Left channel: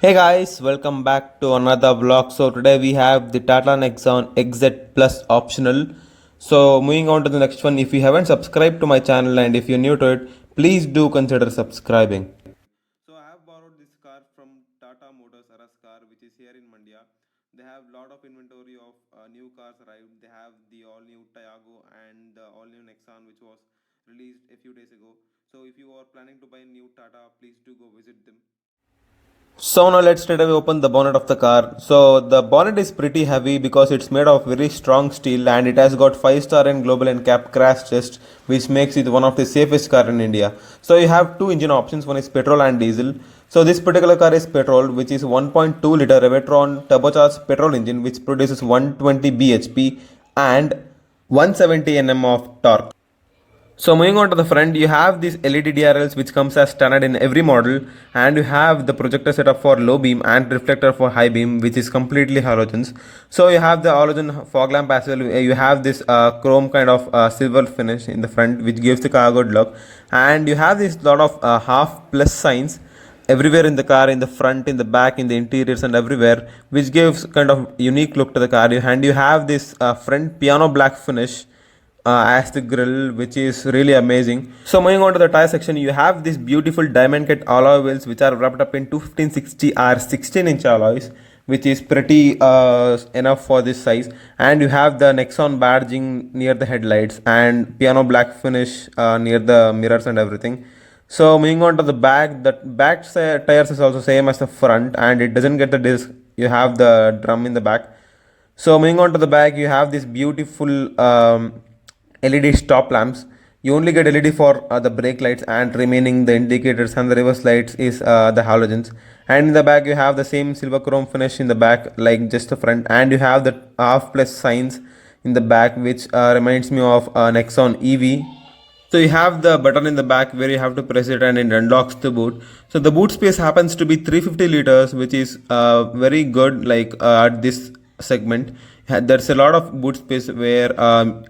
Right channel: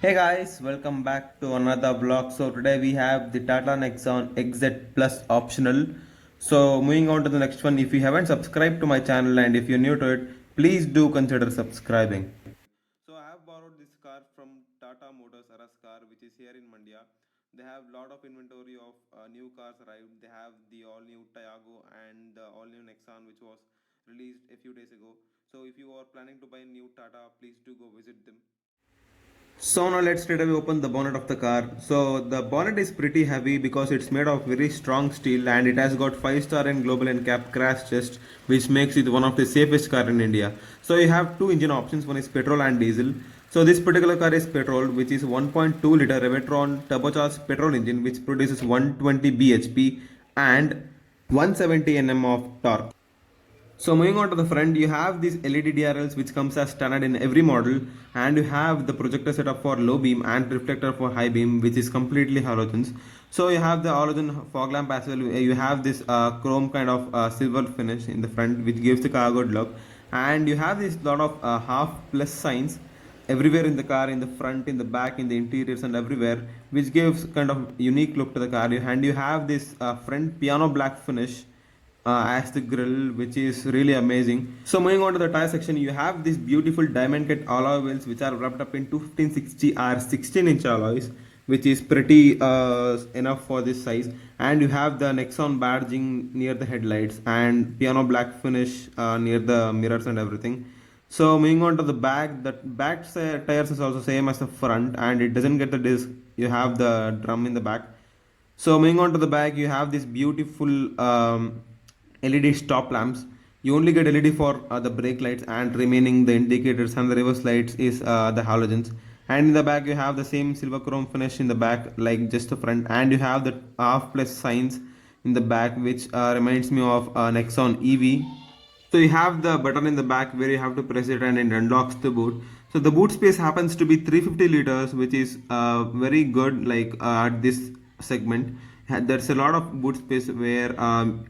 Hey guys, welcome back to another vlog. So today we have the Tata Nexon XZ Plus optional. So moving on to the next one, if you haven't subscribed to my channel and if you're new to it, please do consider subscribing. So I have borrowed this car from Tata Motors Aras car, which is here in Mandia. They have lot of inventory of new cars arrived. They have the all new Tiago and the all new Nexon, which was released a few days ago. So if you are planning to buy new Tata, please do go visit them. So now let's straight away open the bonnet of the car. So the bonnet is pretty heavy because it's made of very strong steel and it has got 5-star in global NCAP crash test, which makes it one of the safest car in India. So you have two engine options, one is petrol and diesel. So this particular car is petrol, which is 1.2 liter Revetron turbocharged petrol engine which produces 120 bhp and 170 Nm of torque. So moving on to the front, you have these LED DRLs which comes as standard in every model, and you have the projector setup for low beam and reflector for high beam, which is completely halogens. So you have the halogen fog lamp as well. You have this chrome kind of silver finish in the front, which gives the car a good look, and you have this lot of half plus signs everywhere in the car, in the front, in the back, in the interiors and everywhere, which gives kind of unique look to the car. And you have this front piano black finish as the grill, which is really amazing. So moving on to the tire section, you have this beautiful diamond cut alloy wheels which are wrapped up in 215/60 R 16-inch alloys, which is pretty enough for this size. And you have the Nexon badging near the headlights and piano black finish near the mirrors and everything. So moving on to the back, the back tires is also same as the front and it doesn't get the disc. You have the drum in the back. So moving on to the back, you have this beautiful LED stop lamps. You only get LED for the brake lights, and remaining the indicators and the reverse lights is the halogens. And in the back you have the same silver chrome finish in the back like just the front, and you have the half plus signs in the back, which reminds me of Nexon EV. So you have the button in the back where you have to press it and it unlocks the boot. So the boot space happens to be 350 liters, which is very good like at this segment. There's a lot of boot space where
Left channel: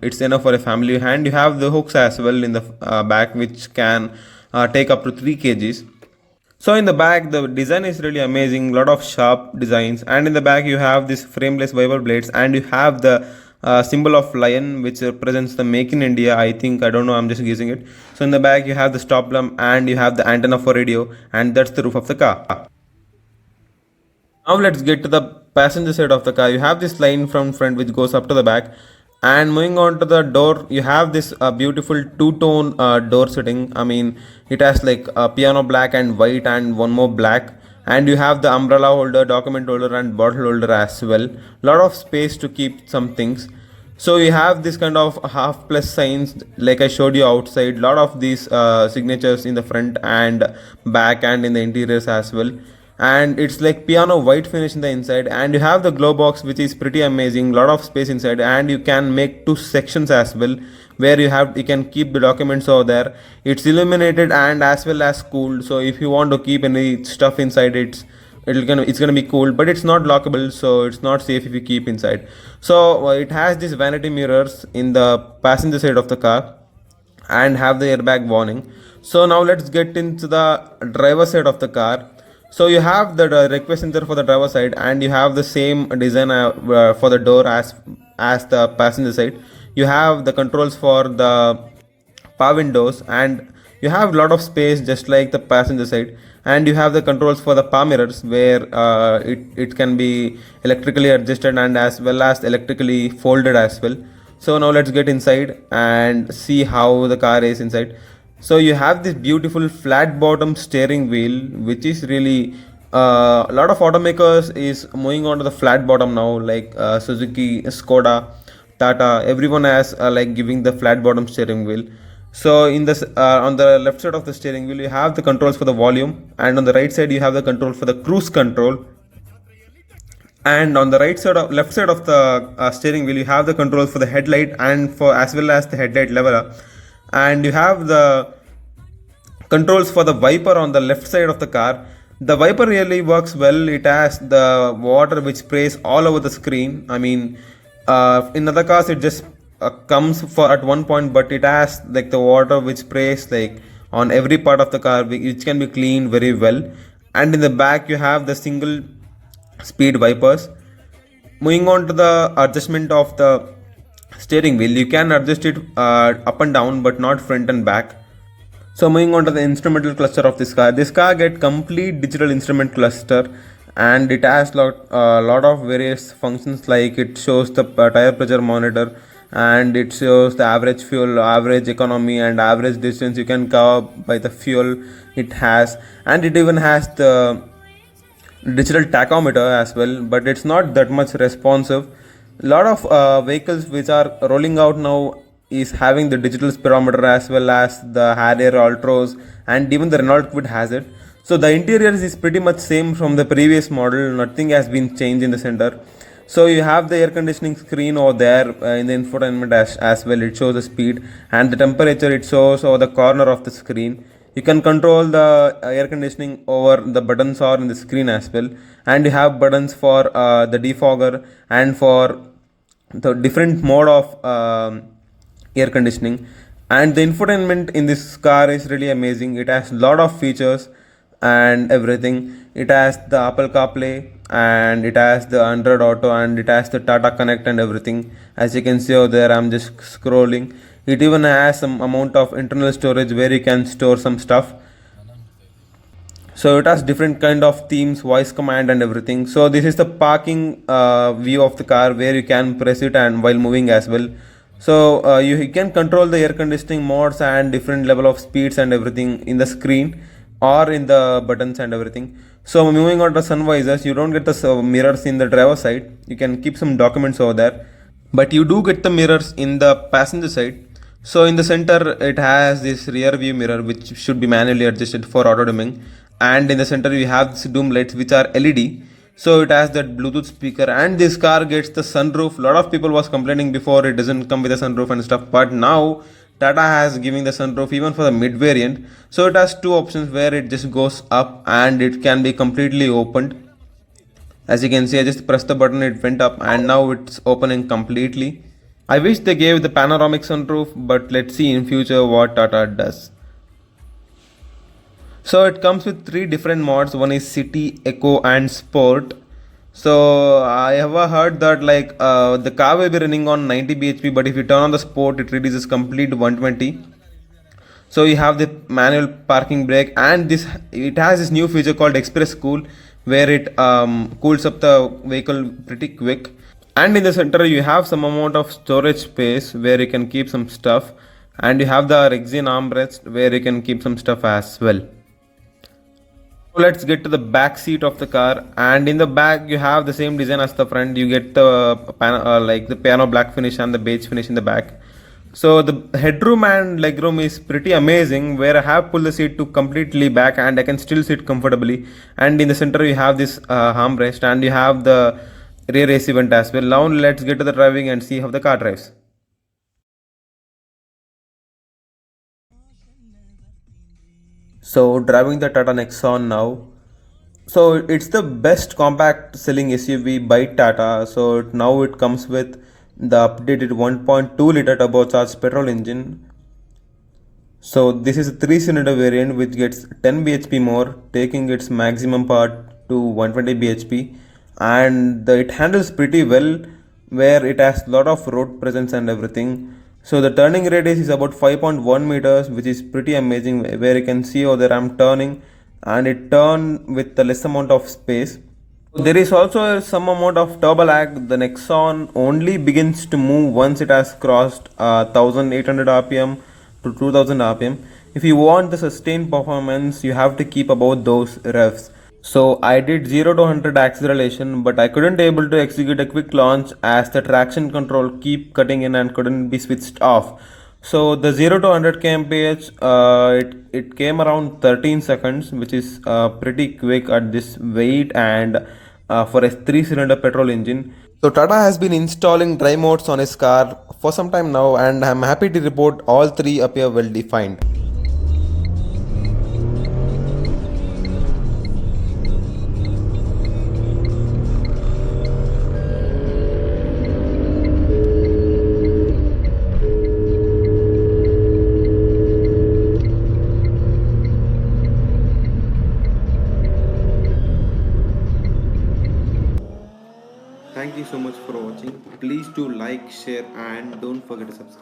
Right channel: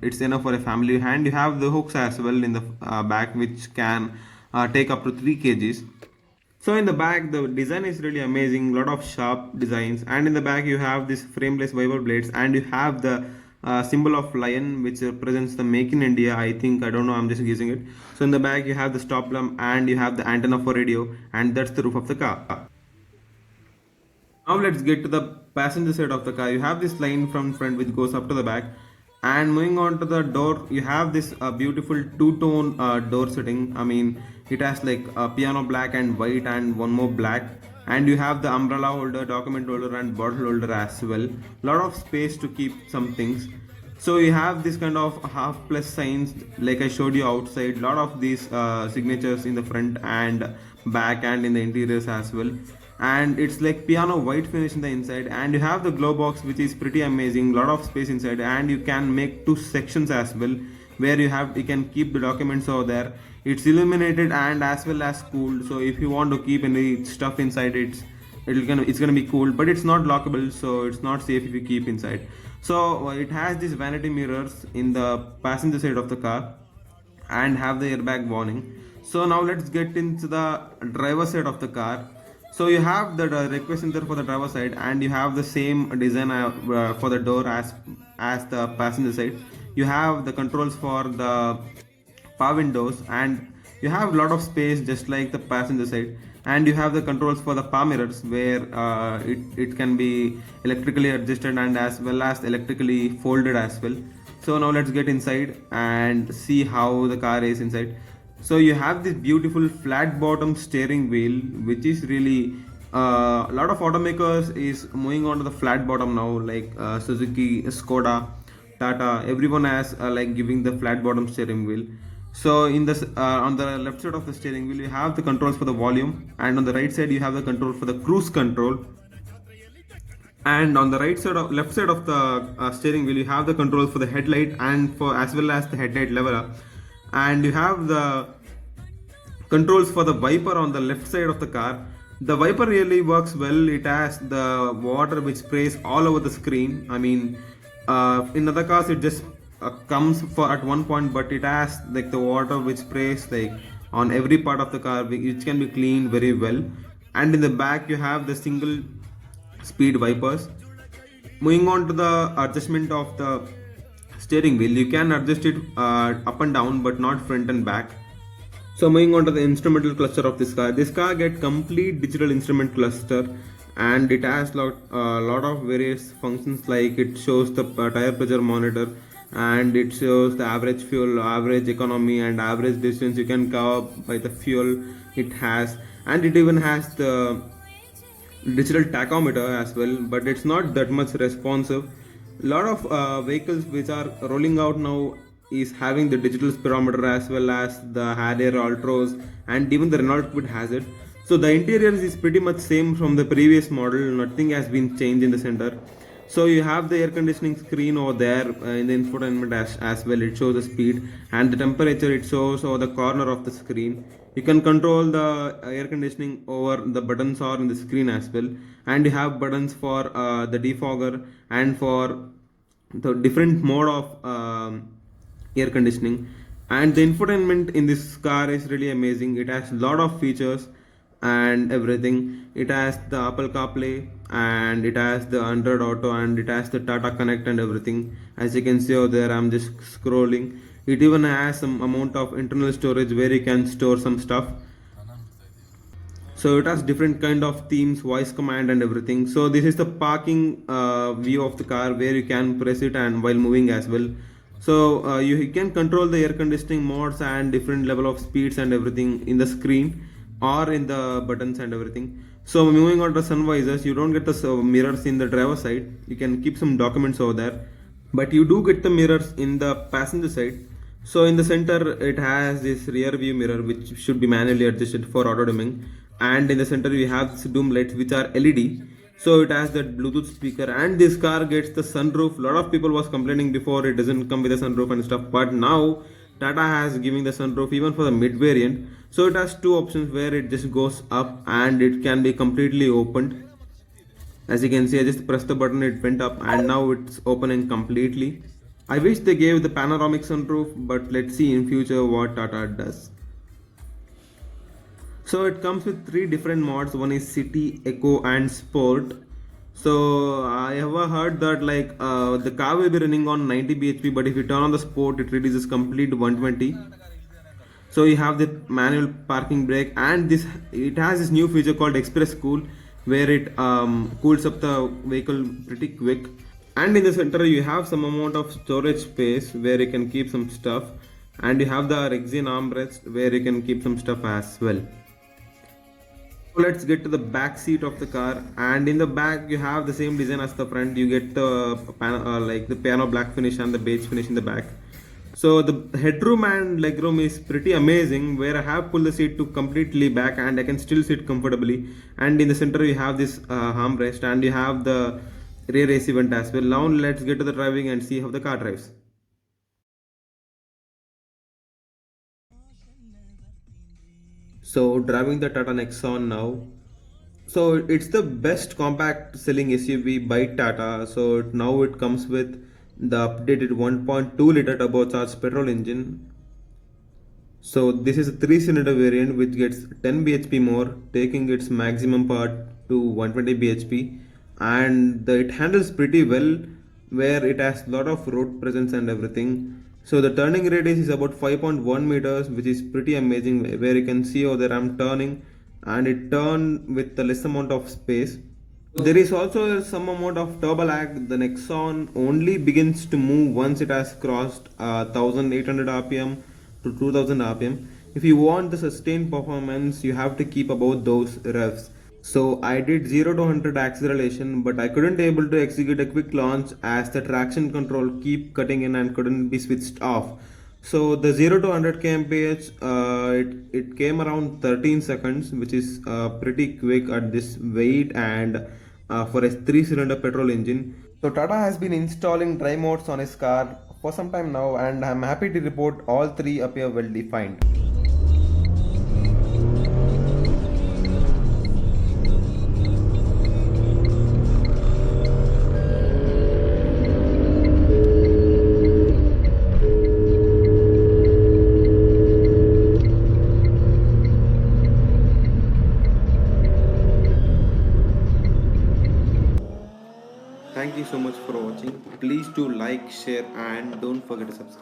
it's enough for a family, and you have the hooks as well in the back which can take up to 3 kgs. So in the back, the design is really amazing, lot of sharp designs, and in the back you have this frameless wiper blades, and you have the symbol of lion which represents the make in India. I think, I don't know, I'm just guessing it. So in the back you have the stop lamp and you have the antenna for radio, and that's the roof of the car. Now let's get to the passenger side of the car. You have this line from front which goes up to the back, and moving on to the door, you have this beautiful two-tone door setting. I mean, it has like piano black and white and one more black, and you have the umbrella holder, document holder and bottle holder as well. Lot of space to keep some things. So you have this kind of half plus signs like I showed you outside. Lot of these signatures in the front and back and in the interiors as well. And it's like piano white finish in the inside, and you have the glow box which is pretty amazing, lot of space inside, and you can make two sections as well where you can keep the documents over there. It's illuminated and as well as cooled, so if you want to keep any stuff inside, it's gonna be cool, but it's not lockable, so it's not safe if you keep inside. So it has this vanity mirrors in the passenger side of the car and have the airbag warning. So now let's get into the driver side of the car. So you have the request center for the driver side, and you have the same design for the door as the passenger side. You have the controls for the power windows, and you have a lot of space just like the passenger side, and you have the controls for the power mirrors where it can be electrically adjusted and as well as electrically folded as well. So now let's get inside and see how the car is inside. So you have this beautiful flat bottom steering wheel, which is really a lot of automakers is moving on to the flat bottom now, like Suzuki, Skoda, Tata. Everyone has like giving the flat bottom steering wheel. So in this on the left side of the steering wheel, you have the controls for the volume, and on the right side you have the control for the cruise control. And on the left side of the steering wheel, you have the controls for the headlight and for as well as the headlight leveler, and you have the controls for the wiper on the left side of the car. The wiper really works well. It has the water which sprays all over the screen. I mean, in other cars it just comes for at one point, but it has like the water which sprays like on every part of the car, which can be cleaned very well. and in the back you have the single speed wipers. Moving on to the adjustment of the steering wheel, you can adjust it up and down but not front and back. So moving on to the instrumental cluster of this car get complete digital instrument cluster, and it has lot of various functions, like it shows the tire pressure monitor, and it shows the average fuel, average economy, and average distance you can cover by the fuel it has, and it even has the digital tachometer as well, but it's not that much responsive. A lot of vehicles which are rolling out now is having the digital speedometer as well as the Harrier Altros, and even the Renault Kwid has it. So the interior is pretty much same from the previous model, nothing has been changed in the center. So you have the air conditioning screen over there in the infotainment as well. It shows the speed and the temperature, it shows over the corner of the screen. You can control the air conditioning over the buttons or in the screen as well, and you have buttons for the defogger and for the different mode of air conditioning. And the infotainment in this car is really amazing. It has lot of features and everything. It has the Apple CarPlay, and it has the Android Auto, and it has the Tata Connect and everything. As you can see over there, I'm just scrolling. It even has some amount of internal storage where you can store some stuff. So it has different kind of themes, voice command and everything. So this is the parking view of the car where you can press it and while moving as well. So you can control the air conditioning modes and different level of speeds and everything in the screen or in the buttons and everything. So moving on to sun visors, you don't get the mirrors in the driver side. You can keep some documents over there, but you do get the mirrors in the passenger side. So in the center it has this rear view mirror which should be manually adjusted for auto dimming, and in the center you have this doom lights which are LED. So it has that Bluetooth speaker, and this car gets the sunroof. A lot of people was complaining before it doesn't come with a sunroof and stuff, but now Tata has giving the sunroof even for the mid variant. So it has two options where it just goes up and it can be completely opened. As you can see, I just pressed the button, it went up, and now it's opening completely. I wish they gave the panoramic sunroof, but let's see in future what Tata does. So it comes with three different mods. One is City, Eco, and Sport. So I have heard that the car will be running on 90 bhp, but if you turn on the Sport, it releases complete 120. So you have the manual parking brake, and this it has this new feature called Express Cool, where it cools up the vehicle pretty quick. And in the center you have some amount of storage space where you can keep some stuff, and you have the Rexin armrest where you can keep some stuff as well. Let's get to the back seat of the car, and in the back you have the same design as the front. You get the the piano black finish and the beige finish in the back. So the headroom and legroom is pretty amazing, where I have pulled the seat to completely back and I can still sit comfortably. And in the center you have this armrest, and you have the rear AC vent as well. Now let's get to the driving and see how the car drives. So driving the Tata Nexon now. So it's the best compact selling SUV by Tata. So now it comes with the updated 1.2 liter turbocharged petrol engine. So this is a 3-cylinder variant which gets 10 bhp more, taking its maximum power to 120 bhp, and it handles pretty well, where it has lot of road presence and everything. So the turning radius is about 5.1 meters, which is pretty amazing, where you can see over there I'm turning and it turn with the less amount of space. There is also some amount of turbo lag. The Nexon only begins to move once it has crossed 1800 rpm to 2000 rpm. If you want the sustained performance, you have to keep above those revs. So I did 0 to 100 acceleration, but I couldn't able to execute a quick launch as the traction control keep cutting in and couldn't be switched off. So the 0 to 100 kmph, it came around 13 seconds, which is pretty quick at this weight and for a 3-cylinder petrol engine. So Tata has been installing drive modes on his car for some time now, and I'm happy to report all three appear well defined. Thank you so much for watching. Please do like, share, and don't forget to subscribe.